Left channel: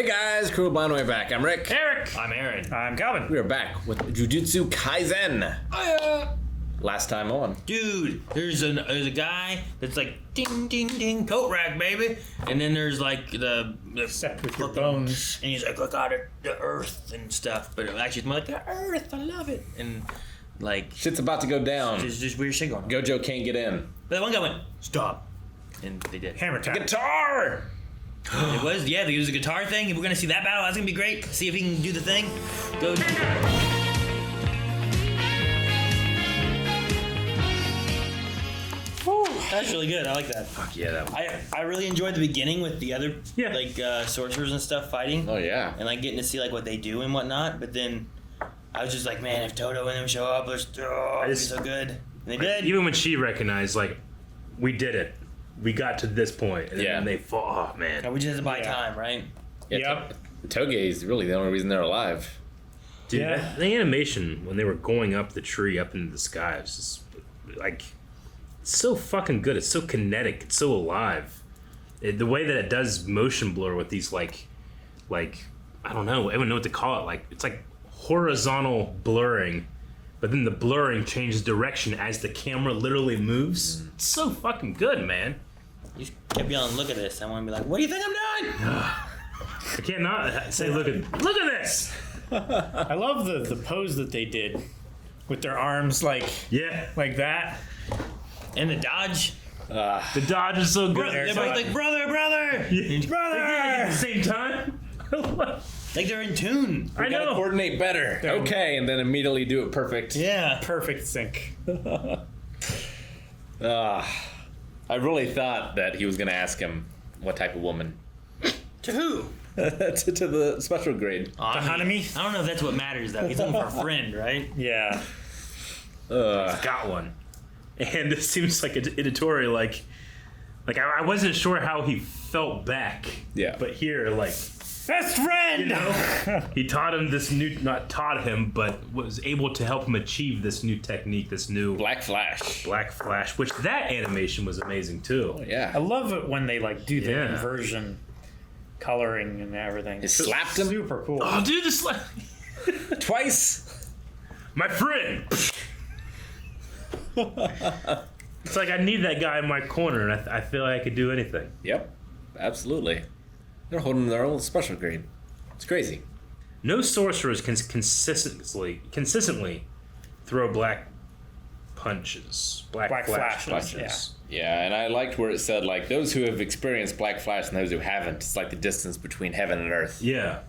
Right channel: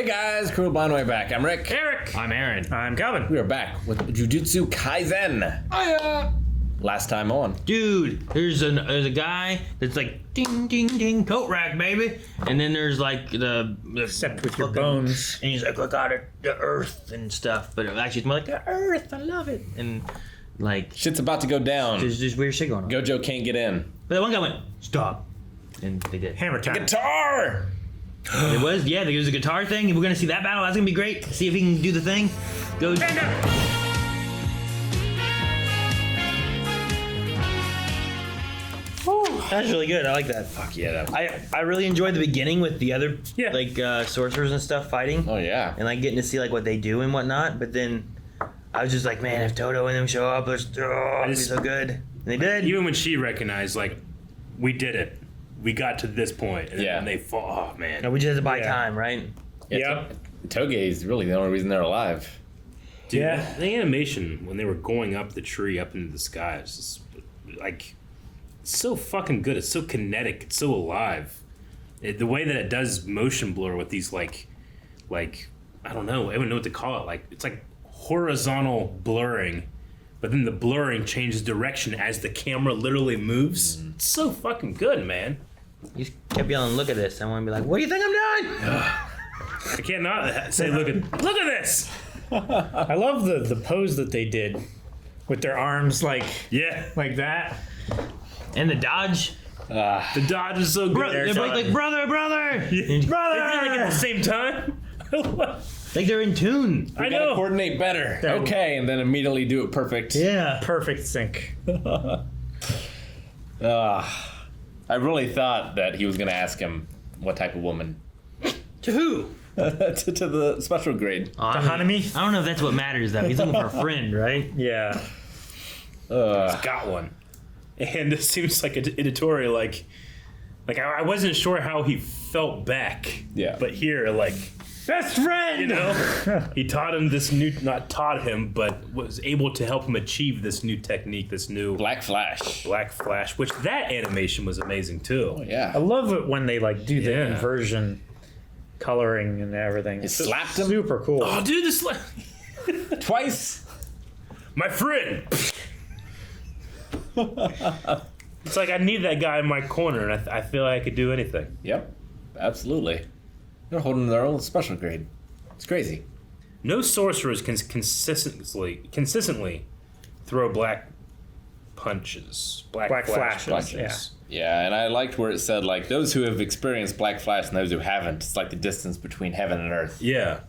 Hey guys, Crew Bonway back. I'm Rick. Eric. I'm Aaron. I'm Calvin. We are back with Jujutsu Kaisen. Last time on. Dude, there's a guy that's like ding ding ding coat rack baby, and then there's like the Except with your bones. and he's like look out at the earth and stuff, but actually it's more like the earth. I love it, and like Shit's about to go down. there's just weird shit going on. Gojo can't get in. But that one guy went stop, and they did. Hammer time. Guitar! It was there was a guitar thing. We're gonna see that battle. That's gonna be great. See if he can do the thing. Go. That's really good. I like that. Fuck yeah, that I really enjoyed the beginning with the other Yeah. sorcerers and stuff fighting. Oh yeah. And like getting to see like what they do and whatnot. But then I was just like, man, if Toto and them show up, it'd be so good. And they did. Even when she recognized, like, we did it. We got to this point. And Yeah. then they fall. Oh, man. And we just had to buy Yeah. time, right? Yep. Toge is really the only reason they're alive. Dude, Yeah. the animation, when they were going up the tree, up into the sky, it's just, like, it's so fucking good. It's so kinetic. It's so alive. The way that it does motion blur with these, like, I don't know. I don't know what to call it. Like, it's like horizontal blurring. But then the blurring changes direction as the camera literally moves. It's so fucking good, man. You kept yelling, look at this. I want to be like, what do you think I'm doing? I can't not say, look at this. I love the pose that they did with their arms like Yeah, like that. And the dodge. the dodge is so good. Everybody's like, brother. They did it at the same time. Like they're in tune. I Gotta know. coordinate better. Okay, and then immediately do it perfect. Yeah. Perfect sync. I really thought that he was gonna ask him what type of woman. To who? to the special grade. I mean, Hanami? I don't know if that's what matters though. He's looking for a friend, right? Yeah. Got one. And it seems like an editorial, like I wasn't sure how he felt back. Yeah. But here, like, Best friend! you know, he taught him this new, not taught him, but was able to help him achieve this new technique, this new Black Flash. Black Flash, which that animation was amazing too. Oh yeah. I love it when they like do the Yeah. inversion coloring and everything. He slapped him Super cool. Oh, dude, this twice. my friend. It's like I need that guy in my corner, and I feel like I could do anything. Yep. Absolutely. They're holding their own special grade. It's crazy. No sorcerers can consistently throw black punches, black flash flashes, punches. Yeah, and I liked where it said, like, those who have experienced Black Flash and those who haven't. It's like the distance between heaven and earth. Yeah.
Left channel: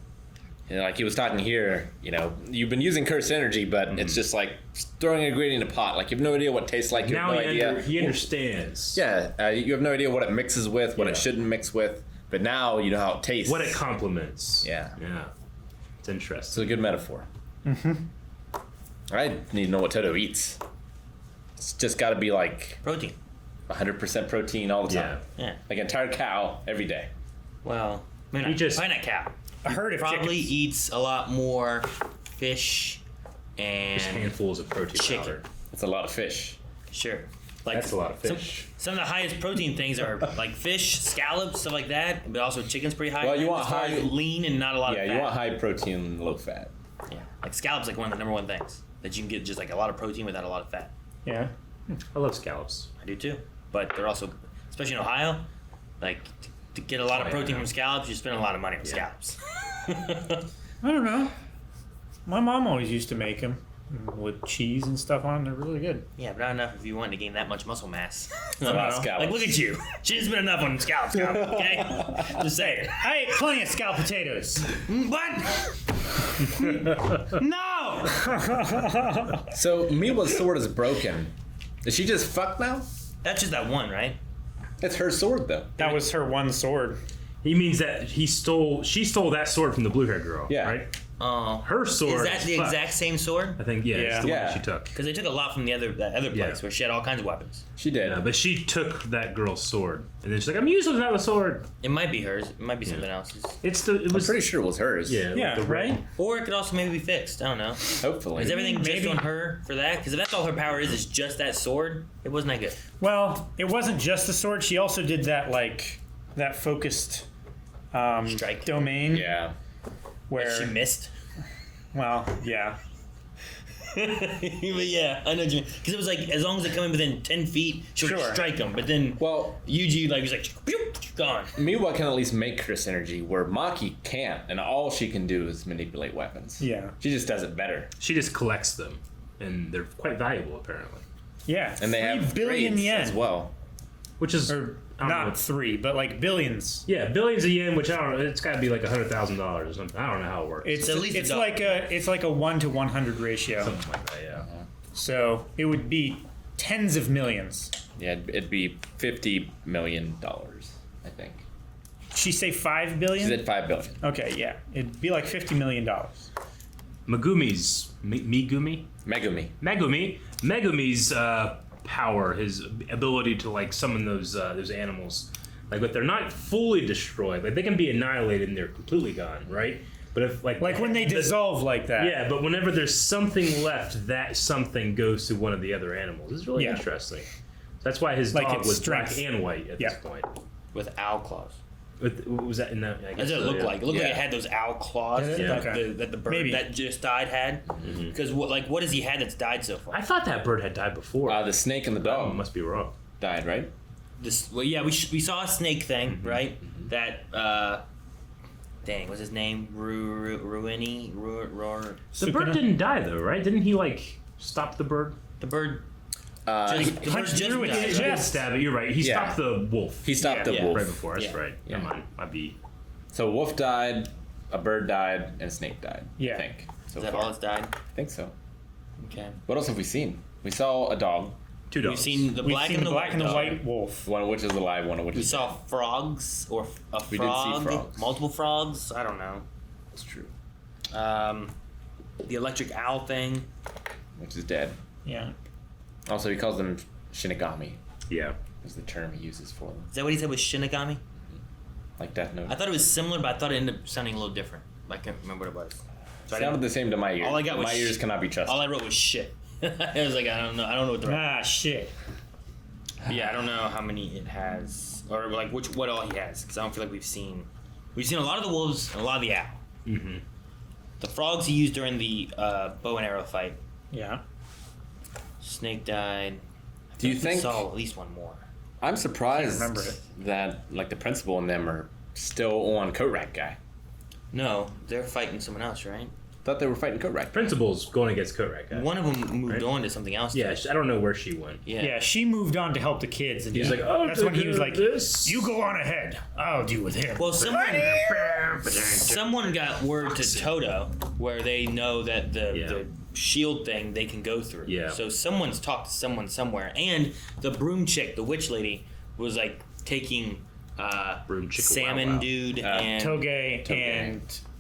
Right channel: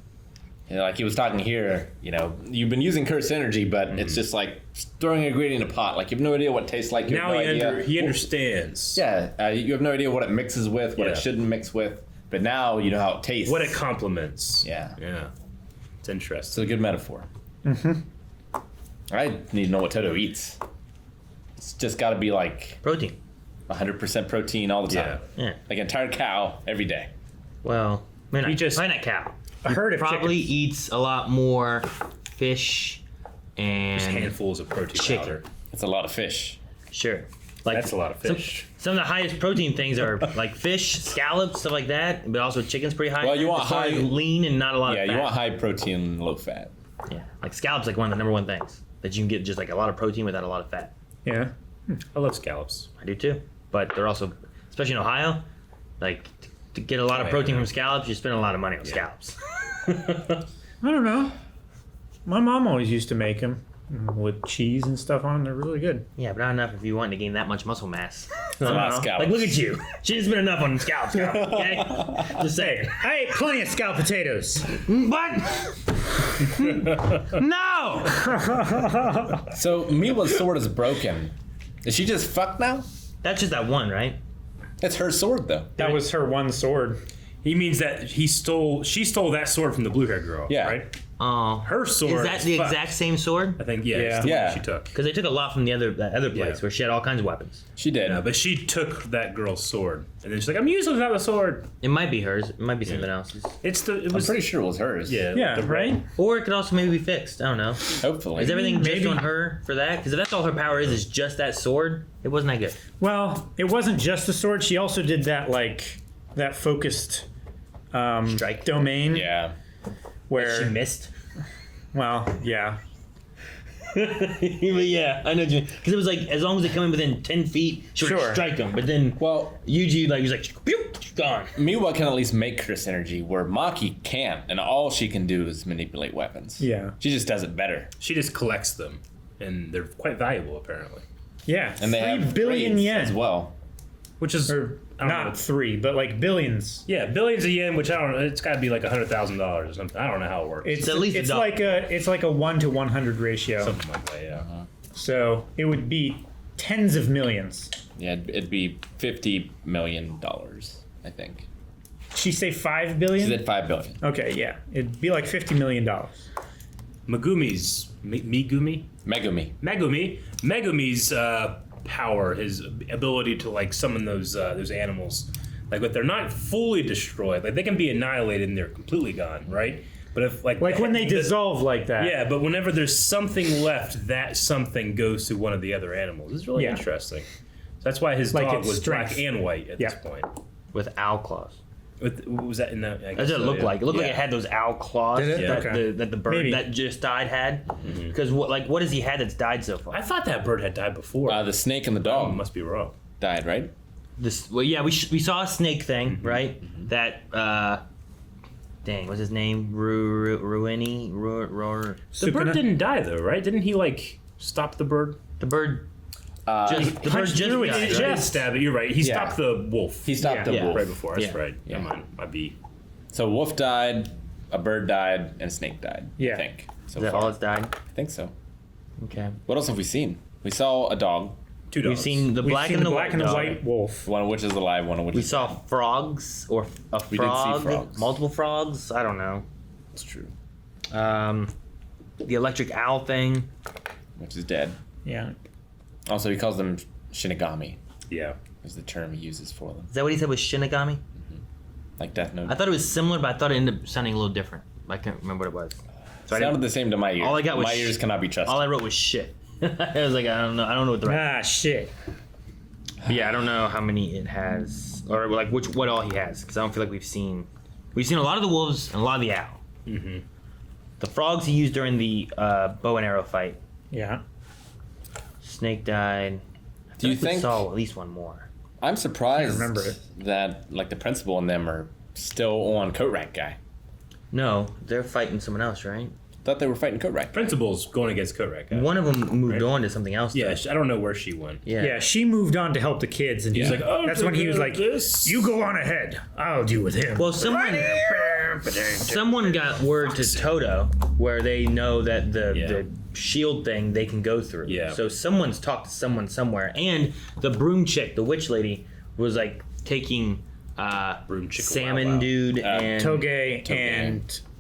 You know, like he was talking here, you know, you've been using cursed energy, but it's just like throwing a gradient in a pot. Like, you have no idea what it tastes like. You Now have no idea. he understands. Yeah, you have no idea what it mixes with, what Yeah. it shouldn't mix with. But now you know how it tastes. What it complements. Yeah. Yeah. It's It's interesting. a good metaphor. I need to know what Toto eats. It's just got to be like Protein. 100% protein all the time. Yeah. Yeah. Like an entire cow every day. Well, maybe He not, just- probably not cow. A herd of Probably chickens. eats a lot more fish and Just handfuls of protein chicken. powder. It's a lot of fish. Sure. Like That's a lot of fish. Some of the highest protein things are like fish, scallops, stuff like that. But also chicken's pretty high. Well, in you that, want as far as high- lean and not a lot Yeah, of fat. you want high protein, low fat. Yeah, like scallops, like one of the number one things that you can get, just like a lot of protein without a lot of fat. Yeah. I love scallops. I do too. But they're also, especially in Ohio, like to get a lot of protein from scallops, you spend a lot of money on scallops. I don't know. My mom always used to make them with cheese and stuff on. They're really good. Yeah, but not enough if you want to gain that much muscle mass. Not scallops. Like, look at you. She didn't spend enough on scallops, girl, okay? Just saying. I ate plenty of scalloped potatoes. What? No! So Miwa's sword is broken. Is she just fucked now? That's just that one, right? It's her sword though. That was her one sword. He means that she stole that sword from the blue haired girl. Yeah. Right? Oh. Her sword. Is that the fucked. exact same sword? I think, yeah. Yeah. It's the one Yeah. she took. Because they took a lot from that other place Yeah. where she had all kinds of weapons. She did. Yeah, but she took that girl's sword. And then she's like, I'm using that sword. It might be hers. It might be something else. It I'm was pretty sure it was hers. Yeah, Yeah, the right? Or it could also maybe be fixed. I don't know. Hopefully. Is everything Maybe. just on her for that? Because if that's all her power is just that sword, it wasn't that good. Well, it wasn't just the sword. She also did that, like, that focused Strike. domain Yeah. where She missed. well, yeah. But yeah, I know because it was like as long as they come in within 10 feet, she would Sure. strike them. But then Well, Yuji was like, pew, gone. Miwa can at least make Chris energy, where Maki can't, and all she can do is manipulate weapons. Yeah. She just does it better. She just collects them, and they're quite valuable apparently. Yeah. And they 3 have billion grades yen. as well. Which is Or I don't know. not 3, but like billions. Yeah, billions of yen, which I don't know. It's got to be like $100,000 or something. I don't know how it works. It's at least it's a like a 1 to 100 ratio. Something like that, yeah. So it would be tens of millions. Yeah, it'd be $50 million, I think. She say 5 billion? She said $5 billion. Okay, yeah. It'd be like $50 million. Megumi's Megumi's power, his ability to like summon those animals, like if they're not fully destroyed, like they can be annihilated and they're completely gone, right? But if like When they dissolve like that. yeah, but whenever there's something left, that something goes to one of the other animals. It's really Yeah. interesting. That's why his Like dog its was strength. black and white at Yeah. this point. With owl claws. What was that in the? I That's guess what it looked yeah. like. It looked like Yeah. it had those owl claws Did it? that, Okay. that the bird Maybe. that just died had. Because what has he had that's died so far? I thought that bird had died before. The snake and the Oh, dog must be wrong. died, right? Yeah, we saw a snake thing, right? That dang, what's his name? Ruini. The bird didn't die though, right? Didn't he like stop the bird? The bird. Uh, The bird punched just through its died, He right? didn't stab it. You're right. He Yeah. stopped the wolf. he stopped the Yeah. wolf. right before. That's Yeah. right. Yeah. Never mind. Might be. So wolf died, a bird died, and a snake died. Yeah. I think. So Is that far. all it's died? I think so. Okay. What else have we seen? We saw a dog, Two dogs. We've seen the We've black seen and the black white and the dog. white wolf. one of which is alive, one of which We is saw dead. frogs or a We did see frog, frogs. multiple frogs. I don't know. It's true. The electric owl thing. Which is dead. Yeah. Also, he calls them Shinigami. Yeah. Is the term he uses for them, Is that what he said was Shinigami? like Death Note. I thought it was similar, but I thought it ended up sounding a little different. I can't remember what it was. So I Sounded didn't- the same to my ears. All I got was my ears cannot be trusted. all I wrote was shit. I was like, I don't know what the right. Ah, shit. But yeah, I don't know how many it has, or like what all he has, because I don't feel like we've seen a lot of the wolves and a lot of the owl. Mm-hmm. The frogs he used during the bow and arrow fight. Yeah. Snake died. Do you I we think? saw at least one more? I'm surprised remember it. that like the principal and them are still on Coat Rack guy. No, they're fighting someone else, right? Thought they were fighting Coat Rack. Principal's going against Korak. One of them moved Right. on to something else. Yeah, though. I don't know where she went. Yeah, she moved on to help the kids, and He's he's like, like, "Oh, that's when he was like, this." "You go on ahead. I'll deal with him." Well, someone got word to Toto where they know that the shield thing they can go through. Yeah. So someone's talked to someone somewhere, and the broom chick, the witch lady, was like taking Broom chick, salmon wow, wow. dude and Toge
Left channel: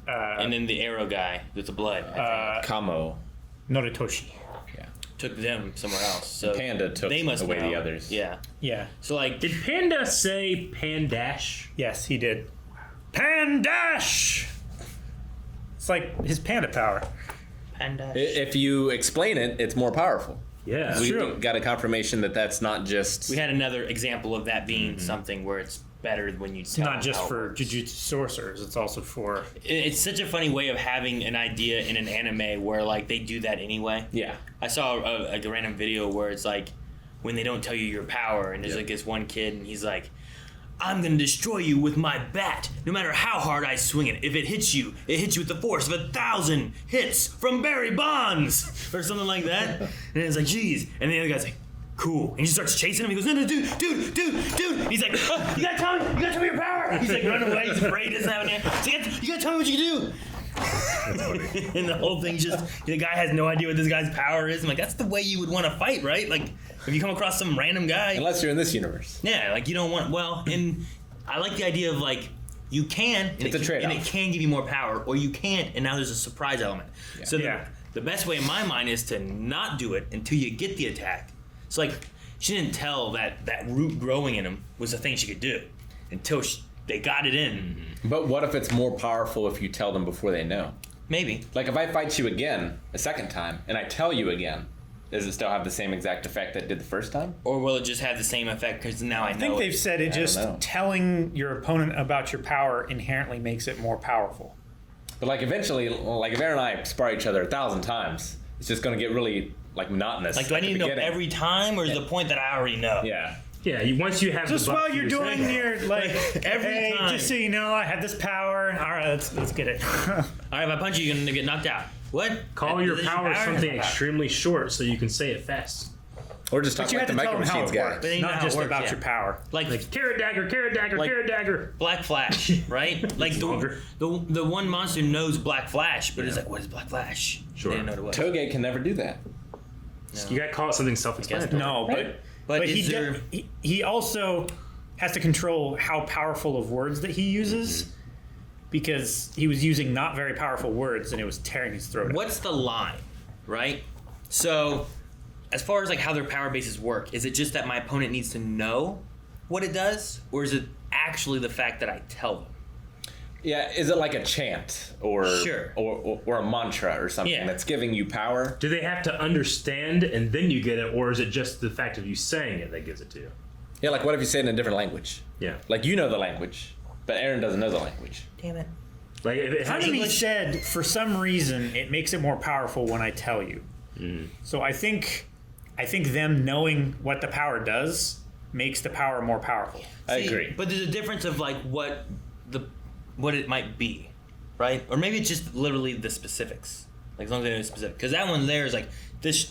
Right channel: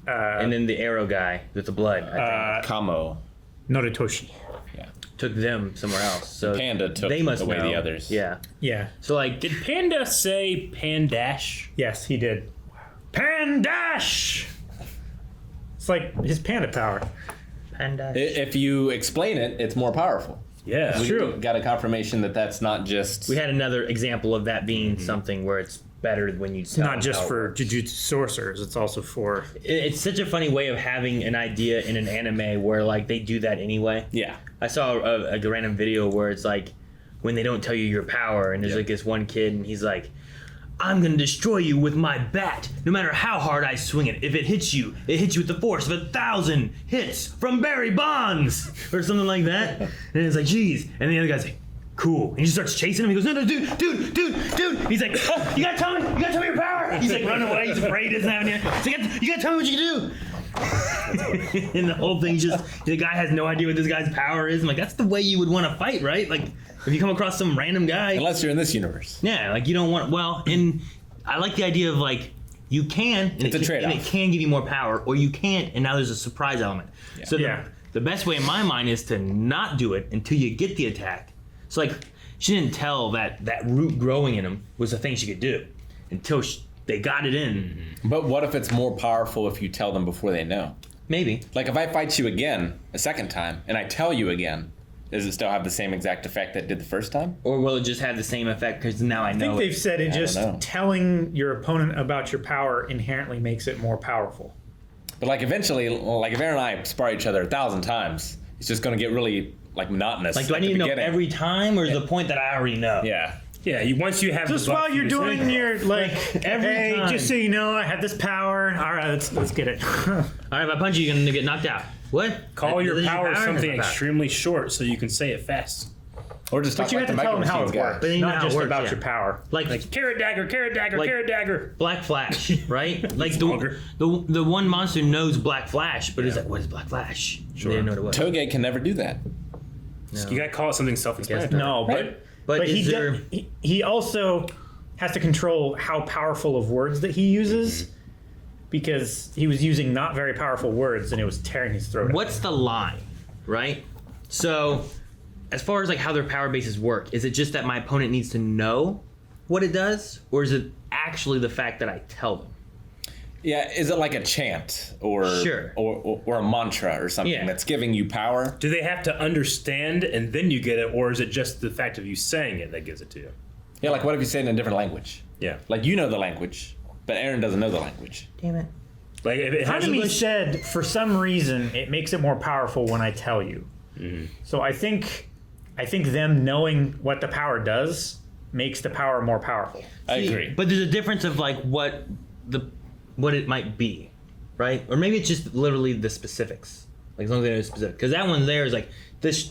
and then the arrow guy with the blood. I think, Kamo. Noritoshi. Yeah. took them somewhere else. So Panda took they must away know. the others. Yeah. Yeah. So like, Did Panda say Pandash? Yes, he did. Pandash. It's like his panda power. Panda. If you explain it, it's more powerful. Yeah. We true. got a confirmation that that's not just. We had another example of that being something where it's better when you. It's not just for Jujutsu sorcerers. It's also for. It's such a funny way of having an idea in an anime where like they do that anyway. Yeah. I saw a random video where it's like when they don't tell you your power, and there's like this one kid, and he's like, "I'm gonna destroy you with my bat, no matter how hard I swing it. If it hits you with the force of 1,000 hits from Barry Bonds," or something like that. And it's like, "Geez," and the other guy's like, "Cool," and he just starts chasing him. He goes, "No, dude." And he's like, "Oh, you gotta tell me your power." He's like running away. He's afraid. Doesn't have any. He's like, "You gotta tell me what you can do." And the whole thing's just the guy has no idea what this guy's power is. I'm like, that's the way you would want to fight, right? Like, if you come across some random guy, Unless you're in this universe. yeah, like you don't want. Well, and I like the idea of like you can. And It's a trade-off. and it can give you more power, or you can't, and now there's a surprise element. Yeah. So Yeah. the best way in my mind is to not do it until you get the attack. So like, she didn't tell that root growing in him was a thing she could do until they got it in. But what if it's more powerful if you tell them before they know? Maybe. Like if I fight you again a second time and I tell you again, Does it still have the same exact effect that it did the first time? Or will it just have the same effect because now I I know think it? they've said it just know. telling your opponent about your power inherently makes it more powerful. But like eventually, like if Aaron and I spar each other 1,000 times, it's just going to get really like monotonous. Like, do I at the need to know beginning. every time, or is the point that I already know? Yeah. Yeah, once you have Just the buff, while you're you just- doing your like, Every hey, time. just so you know, I have this power. All right, let's get it. All right, if I punch you, you're gonna get knocked out. What? Call your This is power That's something my power. extremely short so you can say it fast. Or just talk But you like have the to tell Mega them how Machines it guy. works, But you know not how it just works, about yeah. your power. Like Carrot dagger, carrot dagger, Like- carrot dagger. Black Flash, right? Like longer. the one monster knows Black Flash, but it's like, what is Black Flash? Sure. They didn't know what it was. Toge can never do that. No. You gotta call it something self-explanatory. No, Right. But he, is there? he also has to control how powerful of words that he uses because he was using not very powerful words and it was tearing his throat out. What's the line, right? So, as far as like how their power bases work, is it just that my opponent needs to know what it does, or is it actually the fact that I tell them? Yeah, is it like a chant or Sure. or a mantra or something Yeah. that's giving you power? Do they have to understand and then you get it, or is it just the fact of you saying it that gives it to you? Yeah, like what if you say it in a different language? Yeah. Like you know the language, but Aaron doesn't know the language. Damn it! Like if it has Hanami said, for some reason, it makes it more powerful when I tell you. So I think them knowing what the power does makes the power more powerful. I agree. But there's a difference of like what it might be, right? Or maybe it's just literally the specifics. Like as long as they know the specific, because that one there is like this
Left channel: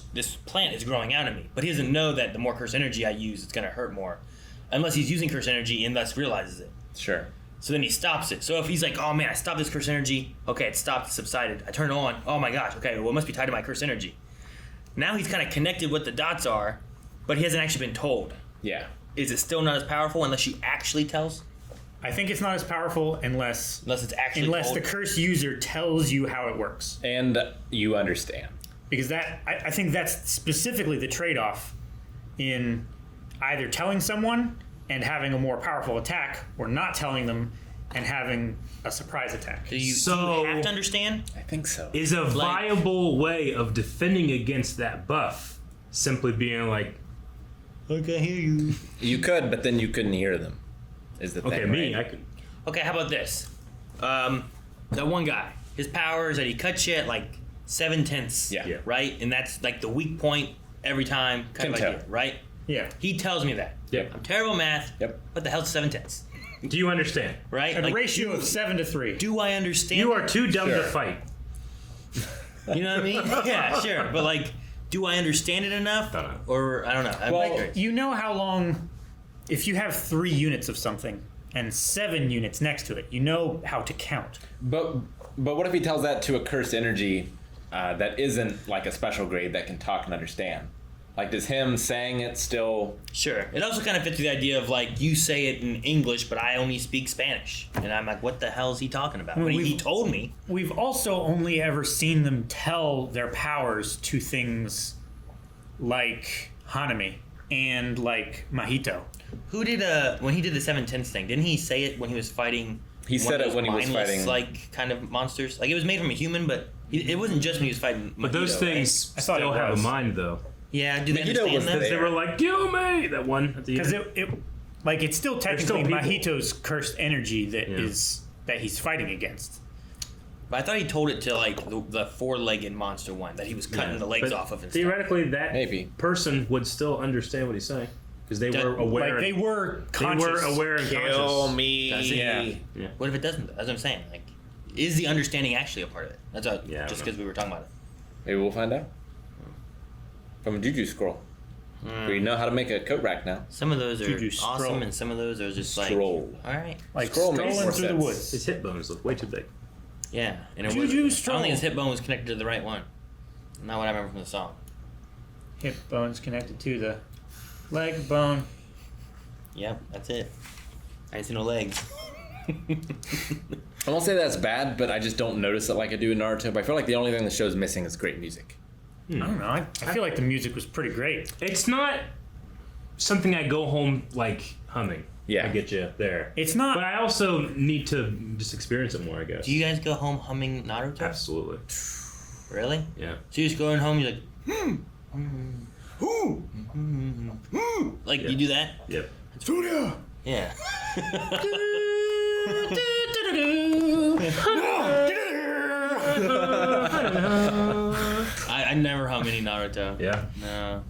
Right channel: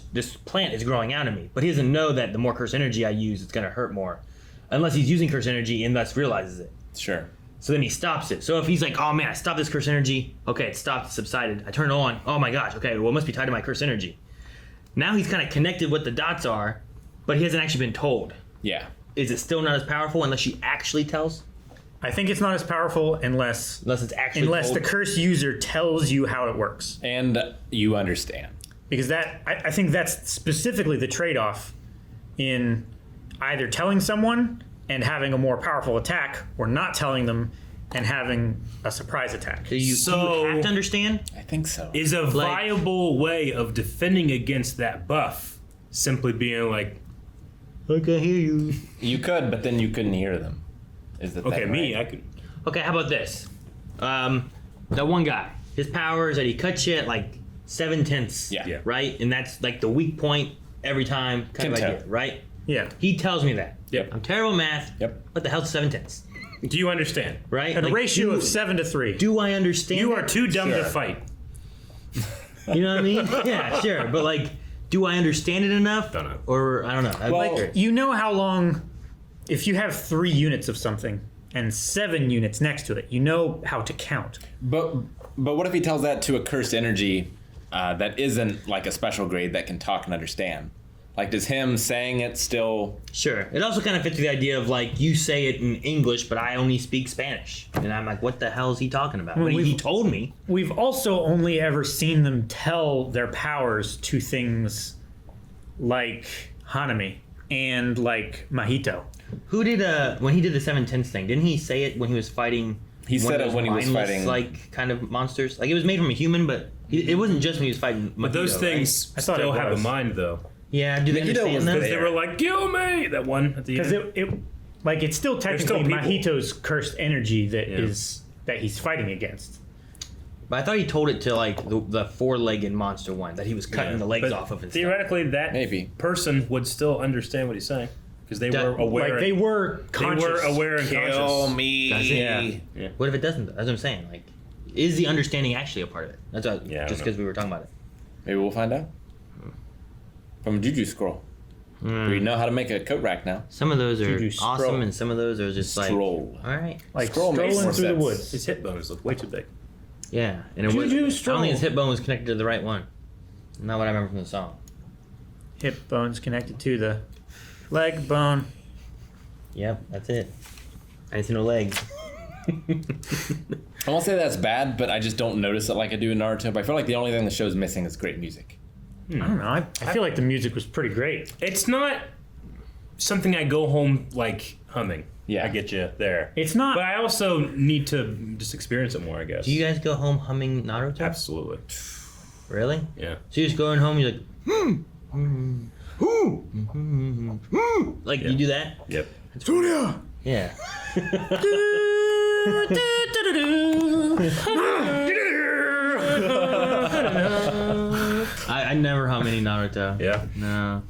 plant is growing out of me, but he doesn't know that the more curse energy I use, it's gonna hurt more, unless he's using curse energy and thus realizes it. Sure. So then he stops it. So if he's like, oh man, I stopped this curse energy. Okay, it stopped, it subsided. I turn it on. Oh my gosh, okay, well it must be tied to my curse energy. Now he's kind of connected what the dots are, but he hasn't actually been told. Yeah. Is it still not as powerful unless she actually tells? I think it's not as powerful unless Unless it's actually the told? curse user tells you how it works. And you understand. Because that I think that's specifically the trade-off in either telling someone and having a more powerful attack, or not telling them and having a surprise attack. Do you have to understand? I think so. is a viable way of defending against that buff simply being like, I can hear you. You could, but then you couldn't hear them. Is the okay, thing, me, right? I could. Okay, how about this? That one guy, his power is that he cuts you at like 7/10. Yeah. Yeah. Right? And that's like the weak point every time. Kind of Can idea, tell. right? Yeah. He tells me that. Yep. I'm terrible at math. Yep. What the hell's 7/10? Do you understand? Right? A Like, ratio of 7 to 3. do I understand? You are too dumb Sure. to fight. You know what I mean? Yeah, sure. But like, do I understand it enough? Don't know. Or I don't know. I'm Well, like, You know how long, if you have 3 units of something and 7 units next to it, you know how to count. But what if he tells that to a cursed energy that isn't like a special grade that can talk and understand? Like, does him saying it still? sure. It also kind of fits the idea of like you say it in English, but I only speak Spanish, and I'm like, what the hell is he talking about? But he we've- told me. We've also only ever seen them tell their powers to things like Hanami and like Mahito. Who did when he did the 7/10 thing? Didn't he say it when he was fighting? He one said of it those when he was mindless, fighting- like kind of monsters. Like it was made from a human, but it wasn't just when he was fighting. But those Mahito, things I thought still it have was. a mind, though. right? Yeah. Do they Magneto was understand them? there. They were like, kill me! That one at the Because end. it's still still technically people. Mahito's cursed energy that Yeah. is that he's fighting against. But I thought he told it to like the 4-legged monster one that he was cutting the legs But off of. And stuff. theoretically, that Maybe. person would still understand what he's saying. Because they That- were aware. Like they were they conscious. were aware and Kill conscious. me. Yeah. What if it doesn't? That's what I'm saying. Like, is the understanding actually a part of it? That's what, Yeah, I just don't because we were talking about it. Maybe we'll find out. From a Juju scroll. We know how to make a coat rack now. Some of those are Juju awesome, scroll. and some of those are just like, Scroll. all right, Like Scroll makes strolling more through the sense. woods. His hip bones look way too big. yeah. And it was, Juju I don't stroll. think his hip bone was connected to the right one. Not what I remember from the song. Hip bones connected to the leg bone. Yep, that's it. I ain't seen no legs. I won't say that's bad, but I just don't notice it like I do in Naruto. But I feel like the only thing the show's missing is great music. I don't know. I feel like the music was pretty great. It's not something I go home like humming. Yeah. I get you there. It's not. But I also need to just experience it more, I guess. Do you guys go home humming Naruto? Absolutely. Really? Yeah. So you're just going home, you're like, Like you do that? Yep. Yeah. I never hum any Naruto. Yeah. No.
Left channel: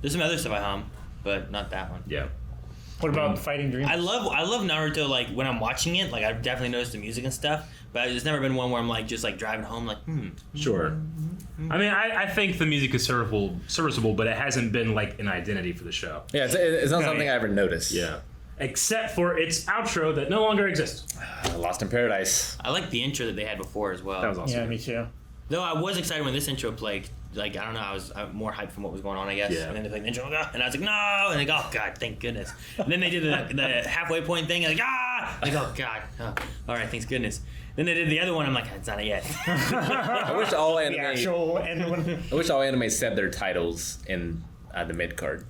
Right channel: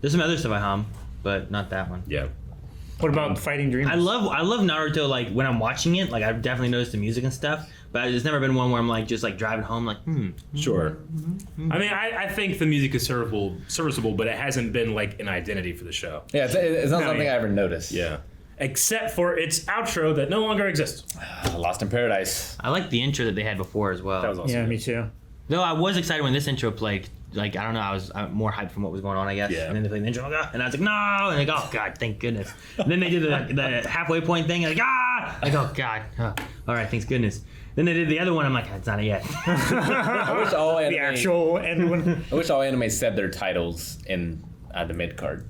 There's some other stuff I hum, but not that one. Yeah. What about Fighting Dreamers? I love Naruto. Like when I'm watching it, like I've definitely noticed the music and stuff. But there's never been one where I'm like just like driving home, like Sure. I mean, I think the music is serviceable, but it hasn't been like an identity for the show. Yeah, it's not something yeah. I ever noticed. Yeah. Except for its outro that no longer exists. Lost in Paradise. I like the intro that they had before as well. That was awesome. Yeah, me too. Though I was excited when this intro played. Like I don't know, I was more hyped from what was going on, I guess. Yeah. And then they played the intro, like, and I was like, no, and like, oh god, thank goodness. And then they did the halfway point thing, and like, like, oh god, all right, thanks goodness. Then they did the other one. I'm like, it's not it yet. I wish all The anime. actual end one. I wish all anime said their titles in the mid card.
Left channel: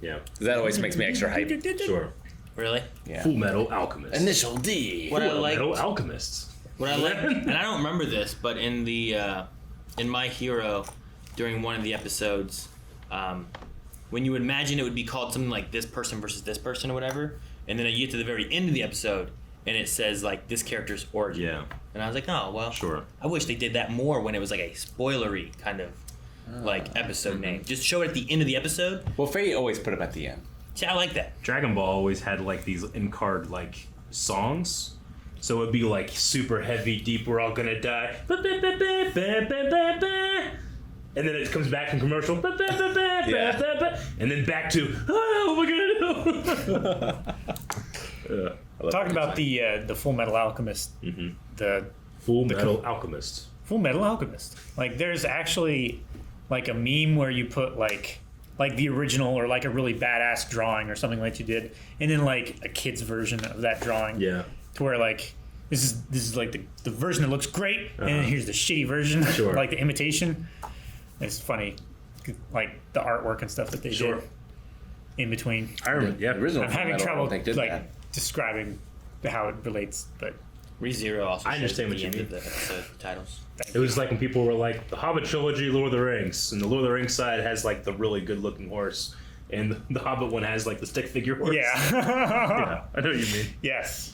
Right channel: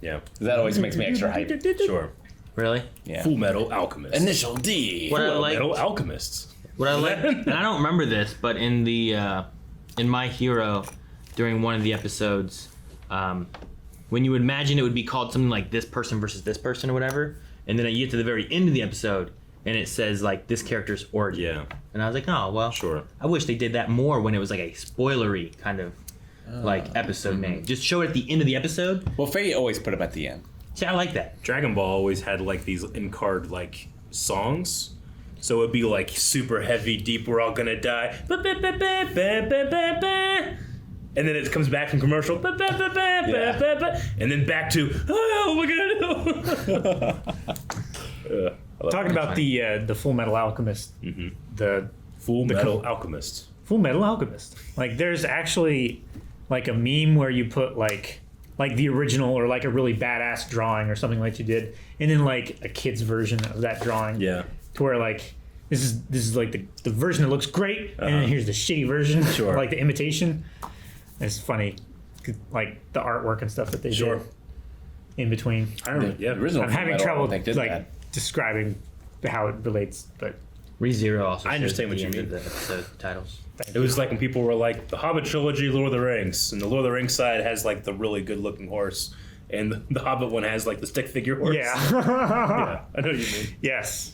Yeah. That always makes me extra hyped. Sure. Really? Yeah. Full Metal Alchemist. Initial D. What I Full like, Metal Alchemists. what I like, and I don't remember this, but in the in My Hero, during one of the episodes, when you would imagine it would be called something like this person versus this person or whatever, and then you get to the very end of the episode, and it says like this character's origin. Yeah. And I was like, oh well, Sure. I wish they did that more when it was like a spoilery kind of like episode name. Just show it at the end of the episode. Well, Fate always put them at the end. See, I like that. Dragon Ball always had like these in-card like songs. So it'd be like super heavy, deep, we're all gonna die. And then it comes back from commercial. And then back to, oh, we're gonna do. Talking about the Full Metal Alchemist. The Full Metal Alchemist. Full Metal Alchemist. Like there's actually like a meme where you put like the original or like a really badass drawing or something like you did, and then like a kid's version of that drawing. Yeah. To where like this is like the version that looks great, and then here's the shitty version, Sure. like the imitation. It's funny, like the artwork and stuff that they Sure. did in between. I remember, The original I'm Full having Metal, I trouble don't think did like that. describing how it relates, but ReZero also. I understand says what at the you end mean. of the episode titles. It was like when people were like, the Hobbit trilogy, Lord of the Rings. And the Lord of the Rings side has like the really good looking horse. And the Hobbit one has like the stick figure horse. yeah. Yeah, I know what you mean. Yes.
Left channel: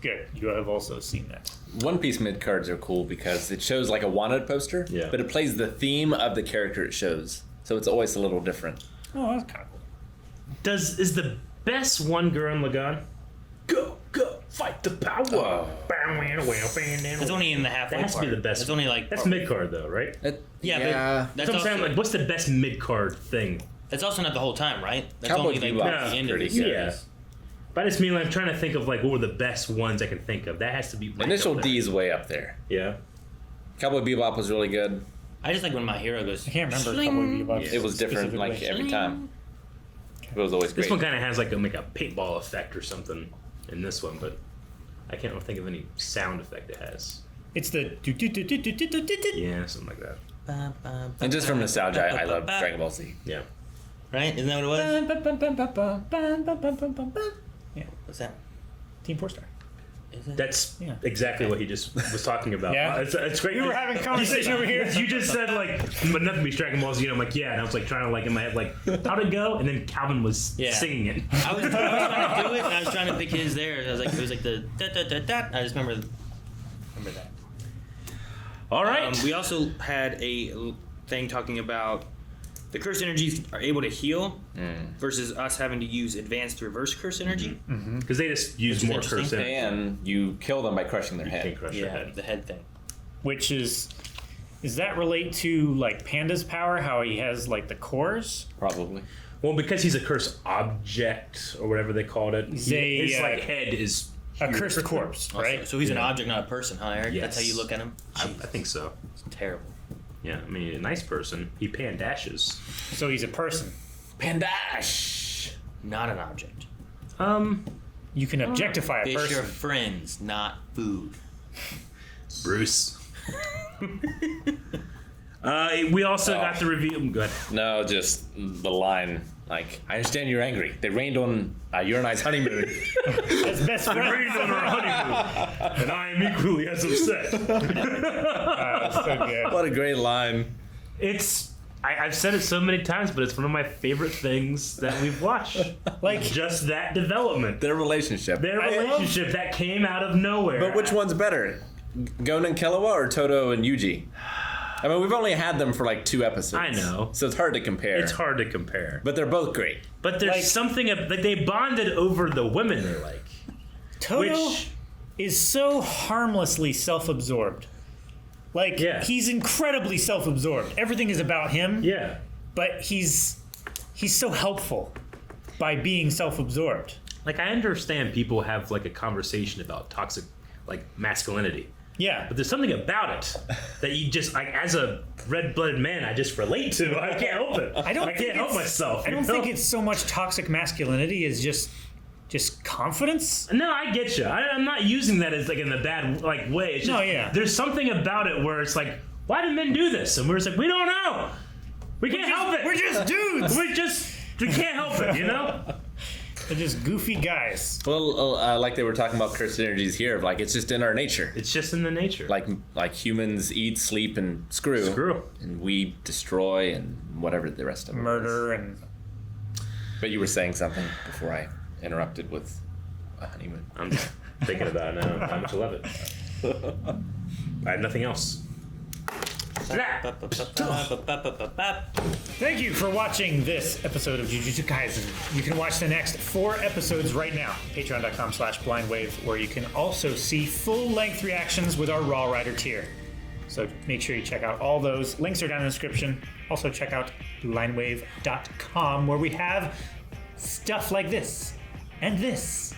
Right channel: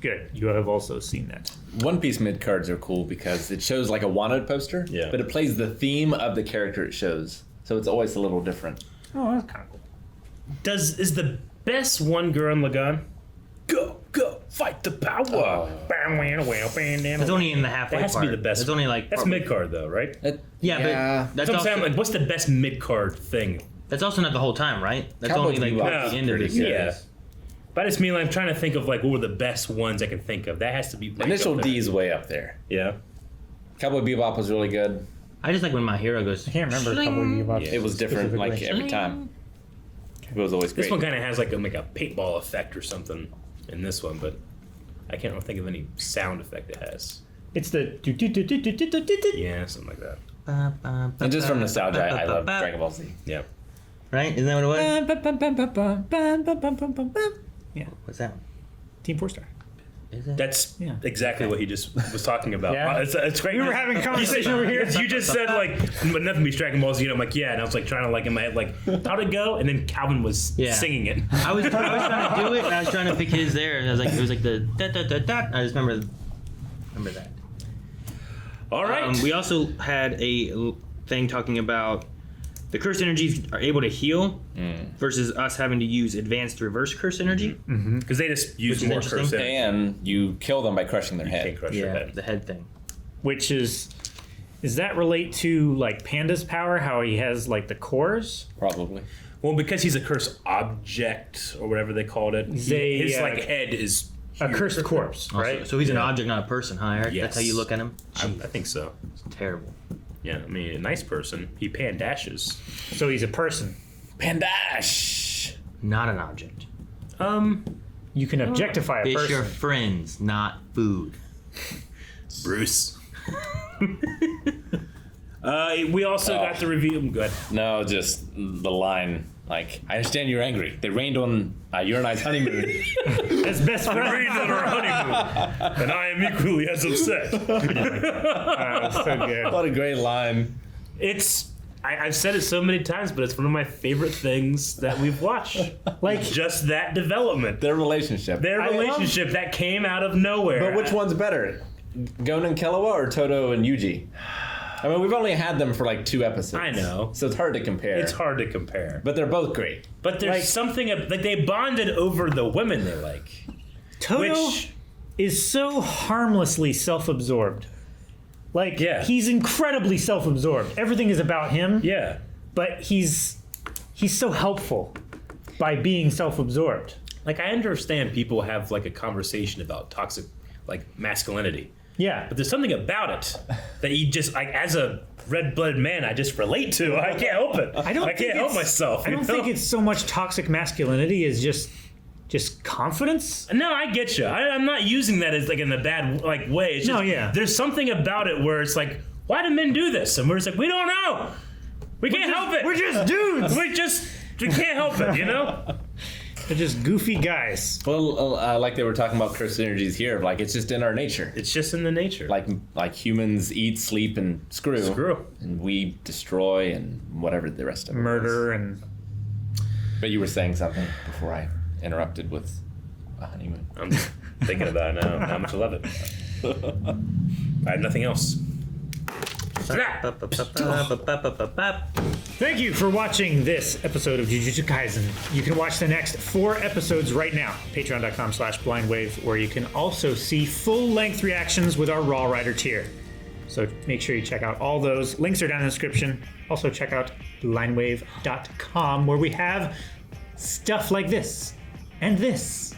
Good. You have also seen that. One Piece mid cards are cool because it shows like a wanted poster, Yeah. but it plays the theme of the character it shows. So it's always a little different. Oh, that's kind of cool. Is the best one Gurren Lagann? Go, fight the power. Oh. It's only in the halfway That has to part. be the best. It's only like That's mid card though, right? yeah, but That's that's what I'm also, saying. Like, what's the best mid card thing? that's also not the whole time, right? That's Cowboy only like Bebop at is the end of pretty the good. series. Yeah. But I just mean, like, I'm trying to think of like what were the best ones I can think of. That has to be like, Initial up there. D is way up there. Yeah. Cowboy Bebop was really good. I just like when My Hero goes. I can't remember Shling. Cowboy Bebop It was different like specifically. every time. It was always This great. one kind of has like a paintball effect or something in this one, but I can't think of any sound effect it has. It's the Yeah, something like that. And just from nostalgia, I love Dragon Ball Z. Yeah. Right? Isn't that what it was? Yeah, What's that? Team 4-Star. Is it? That's Yeah. exactly what he just was talking about. Yeah. It's great. We were having a conversation over here. You just said like, but nothing beats Dragon Ball Z. And I'm like, yeah, and I was like trying to like in my head like, how'd it go? And then Calvin was Yeah. singing it. I was trying to do it, and I was trying to pick his there. And I was like, it was like the da da da da. I just remember that. All right. We also had a thing talking about the curse energies are able to heal versus us having to use advanced reverse curse energy. Because they just use Which is more interesting. curse energy. And you kill them by crushing their Can't head. crush your Yeah, head. the head thing. Which is that relate to like Panda's power? How he has like the cores? Probably. Well, because he's a cursed object or whatever they called it. They, his like head is A huge. cursed corpse, right? So he's an object, not a person, huh, Eric? That's how you Yes. look at him? I think so. It's terrible. Yeah, I mean, a nice person. He pandashes. So he's a person. Pandash! Not an object. You can objectify a Fish person. are friends, not food. Bruce. We also got the review. Go ahead. No, just the line. Like, I understand you're angry. They rained on your and I's honeymoon. As best friend. on our honeymoon, and I am equally as upset. That's so good. What a great line. It's I've said it so many times, but it's one of my favorite things that we've watched. Like Just that development. Their relationship. Their relationship that came out of nowhere. But which one's better? Gon and Killua or Toto and Yuji? I mean, we've only had them for like 2 episodes. I know. So it's hard to compare. It's hard to compare. But they're both great. But there's Like- something that they bonded over the women they like. Toto Which is so harmlessly self-absorbed. Like Yeah. he's incredibly self-absorbed. Everything is about him. yeah. But he's so helpful by being self-absorbed. Like I understand people have like a conversation about toxic like masculinity. Yeah. But there's something about it that you just like as a red-blooded man I just relate to. I can't help it. I think can't help it's- myself. I you don't know? think it's so much toxic masculinity as just confidence. No, I get you. I'm not using that as like in a bad like way. It's just, No, yeah. There's something about it where it's like, why do men do this? And we're just like, we don't know. We can't help it. We're just dudes. We can't help it. You know. They're just goofy guys. Well, like they were talking about cursed energies here, like it's just in our nature. It's just in the nature. Like humans eat, sleep, and screw. Screw. And we destroy and whatever the rest of it Murder is. and But you were saying something before I interrupted with a honeymoon. I'm just thinking about now how much I love it. I have nothing else. thank you for watching this episode of Jujutsu Kaisen. You can watch the next 4 episodes right now. Patreon.com/blindwave, where you can also see full-length reactions with our Raw Rider tier. So make sure you check out all those. Links are down in the description. Also check out blindwave.com, where we have stuff like this and this